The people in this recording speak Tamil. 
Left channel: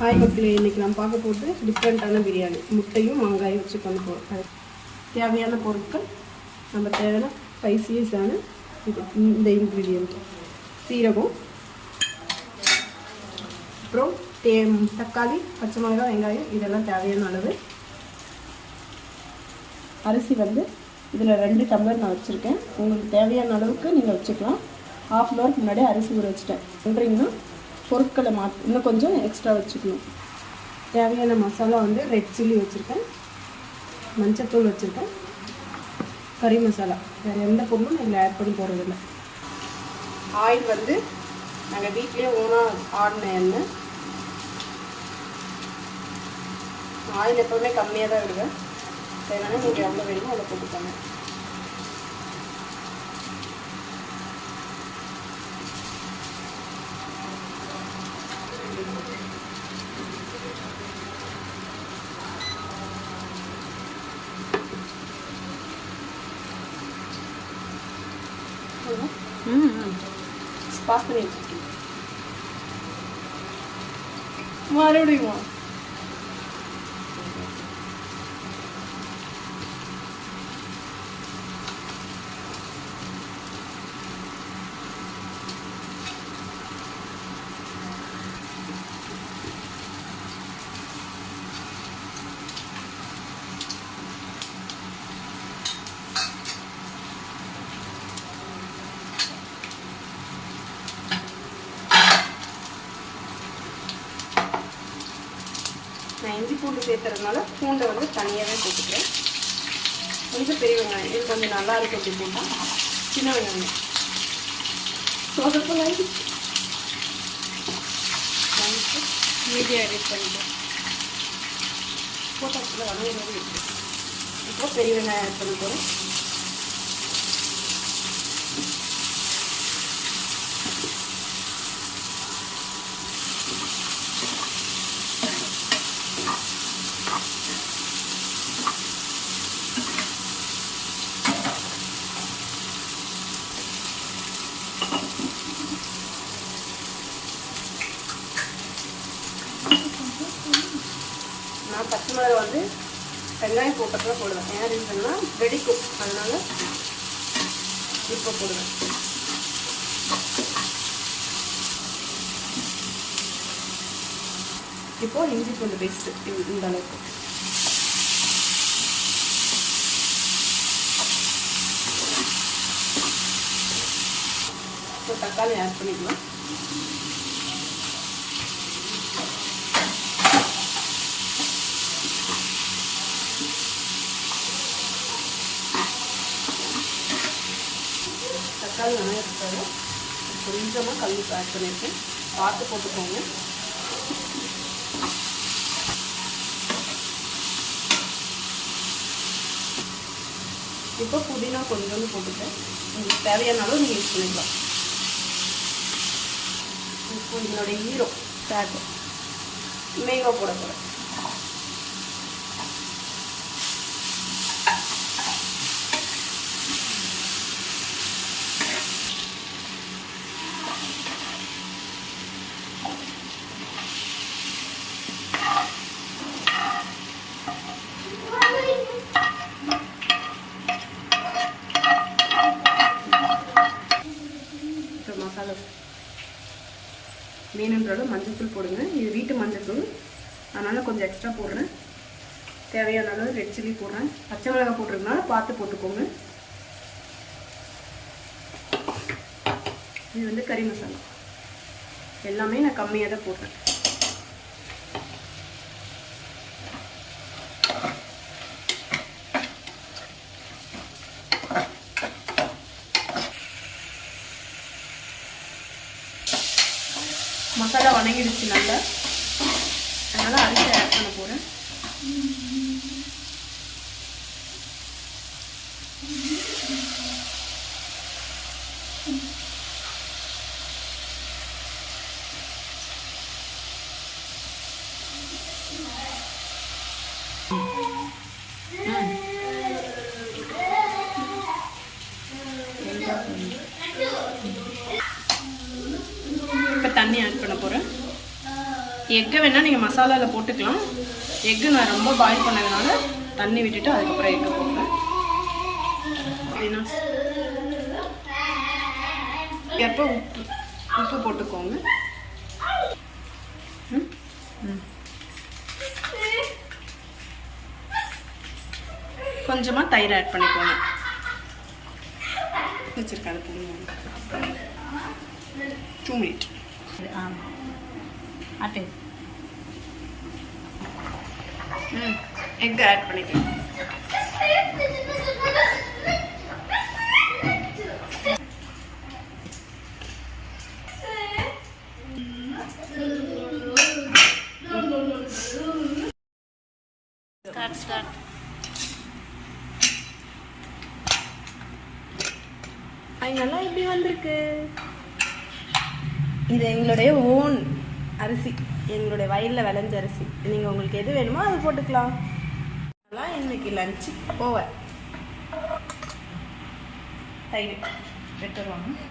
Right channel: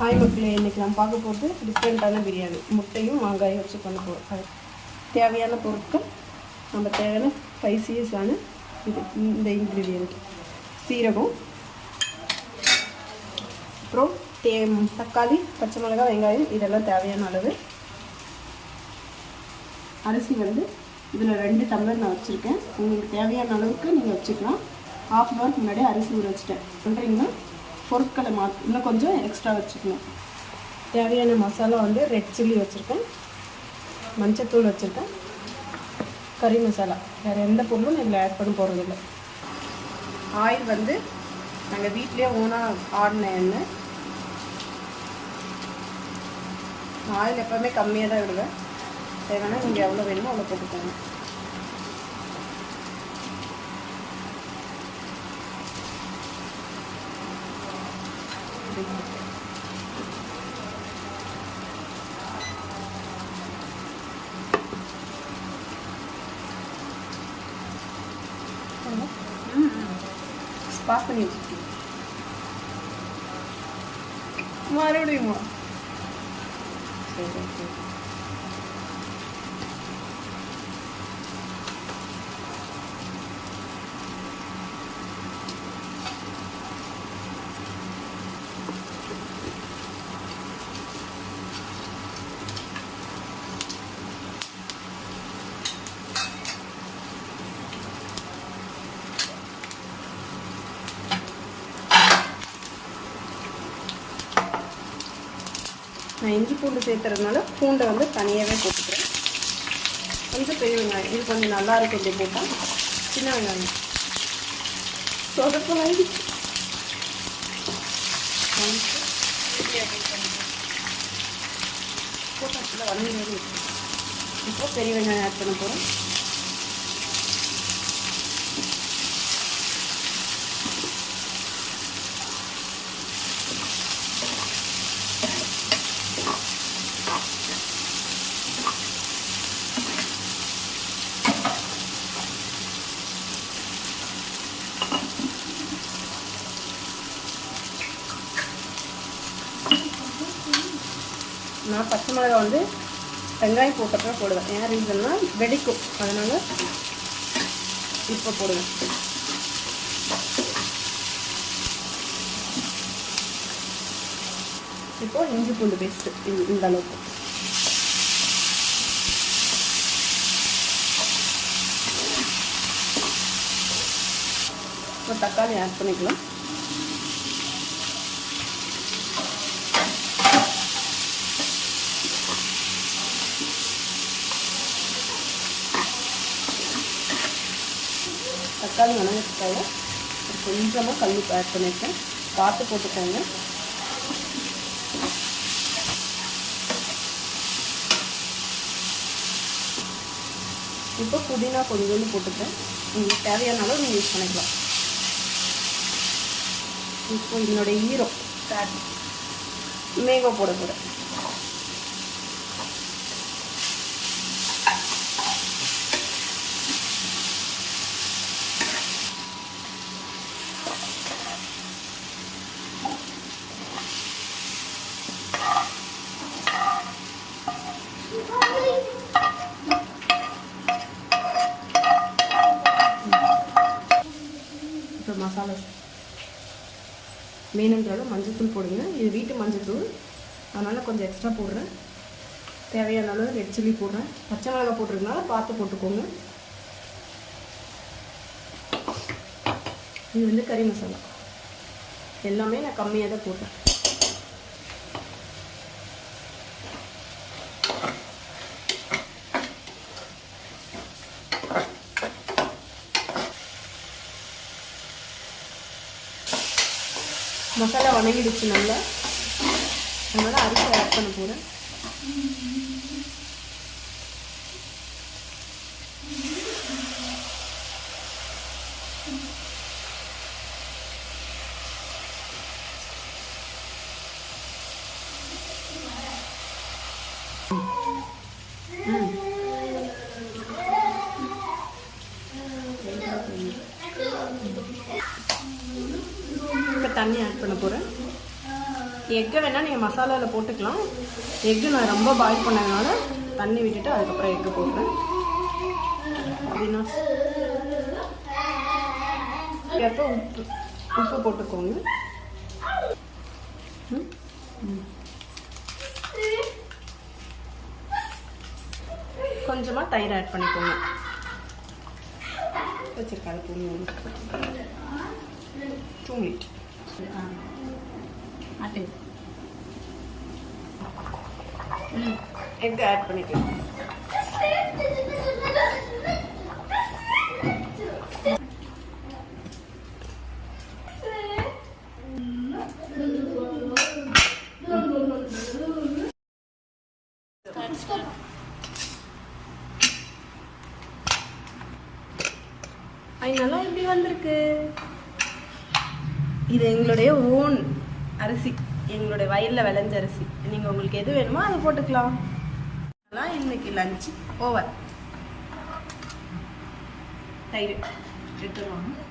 ஹாய் மக்களே இன்றைக்கி நான் பார்க்க போகிறது டிஃப்ரெண்ட்டான பிரியாணி. முட்டையும் வெங்காயம் வச்சு பண்ண போகிறோம் அது தேவையான பொருட்கள் நம்ம தேவையான ஸ்பைசியஸான இது இந்த இன்க்ரீடியண்ட் சீரகம் அப்புறம் தே தக்காளி பச்சை மிளகாய் வெங்காயம் இதெல்லாம் தேவையான அளவு. அரிசி வந்து இதில் ரெண்டு டம்ளர் நான் வச்சுருக்கேன். உங்களுக்கு தேவையான அளவுக்கு நீங்கள் வச்சுக்கலாம். ஹாஃப் அன் ஹவருக்கு முன்னாடியே அரிசி ஊற வச்சுட்டேன். பண்ணுறீங்கன்னா பொருட்களை மா இன்னும் கொஞ்சம் எக்ஸ்ட்ரா வச்சுக்கணும். தேவையான மசாலா வந்து ரெட் சில்லி வச்சுருக்கேன். மஞ்சத்தூள் வச்சுருக்கேன். கறி மசாலா. வேறு எந்த பொருளும் இதில் ஆட் பண்ண போகிறதில்ல ஆயில் வந்து நாங்கள் வீட்லேயே ஓனாக ஆடின எண்ணெய். ஆயில் எப்போவுமே கம்மியாக தான் விடுவேன் வேணாலும் நீங்கள் எவ்வளோ வேணுமோ அவ்வளோ போட்டுக்காங்க. ஸ்பாஸ் பண்ணி வச்சுருக்கேன் மறுபடியுமா நான் இஞ்சி பூண்டு சேர்த்துறதுனால பூண்டை வந்து தனியாகவே போட்டுக்கிறேன். கொஞ்சம் பெரிய வெங்காயம். இது கொஞ்சம் நல்லா இருக்கு அப்படி போட்டால் சின்ன வெங்காயம். சொதப்பு மீடியம் எடிட் பண்ணிக்கிறேன் போட்டால் வந்து இப்போ பெரிய வெங்காயம் ஆட் பண்ண போகிறோம் நான் பச்சை மிளகாய் வந்து வெங்காயம் போட்டப்போ போடுவேன். ஏன்னா ரீசன்னா வெடிப்பு. அதனால இப்போ போடுவேன். இப்போ இஞ்சி பூண்டு பேஸ்ட்டு இந்த அளவுக்கு. இப்போ தக்காளி ஆட் பண்ணிக்கலாம். தக்காளி வணங்கிட்டால கொஞ்சமாக கல் ஆட் பண்ணியிருக்கேன் பார்த்து போட்டுக்கோங்க. இப்போ புதினா பொடிகள் போட்டுப்பேன். உங்களுக்கு தேவையான அளவு நீங்கள் யூஸ் பண்ணிக்கலாம். இப்போ இதனுடைய ஈரம் ஃபேட் மேங்கோ போட போகிறேன் இப்போ மசாலா மீனுன்றது மஞ்சத்தூள் போடுங்க. இது வீட்டு மஞ்சத்தூள். அதனால் கொஞ்சம் எக்ஸ்ட்ரா போடுறேன். தேவையான அளவு ரெட் சில்லி போடுறேன். பச்சை மிளகாய் போட்டிருக்கனால பார்த்து போட்டுக்கோங்க. இது வந்து கறி மசாலா. எல்லாமே நான் கம்மியாக தான் போடுறேன். மசாலா வணங்கிடுச்சு நல்லா. அதனால் அரிசி ஆட் பண்ண போகிறேன் இப்போ தண்ணி ஆட் எக்கை வேணால் நீங்கள் மசாலாவில் போட்டுக்கலாம். எக்கு நான் ரொம்ப பாயில் பண்ணதுனால தண்ணி விட்டுட்டு அதுக்கப்புறம் எக்கு போடுறேன். அப்படின்னா. எப்போ உப்பு உப்பு போட்டுக்கோங்க. கொஞ்சமாக தயிர் ஆட் பண்ணிக்கோங்க. வச்சிருக்காது போடுங்க டூ மினிட் அட்டை ம் எக் ஆட் பண்ணிக்கலாம் ஸ்டார்ட் ஸ்டார்ட் அதனால எப்படி வந்திருக்கு? இது எங்களுடைய ஓன் அரிசி. எங்களுடைய வயலில் விளைஞ்ச அரிசி. நீங்கள் உங்களுக்கு எது வேணுமோ அது போட்டுக்கலாம். அதெல்லாம் இன்னைக்கு லஞ்சு ஓவர் தயிர். எடுத்துருவாங்க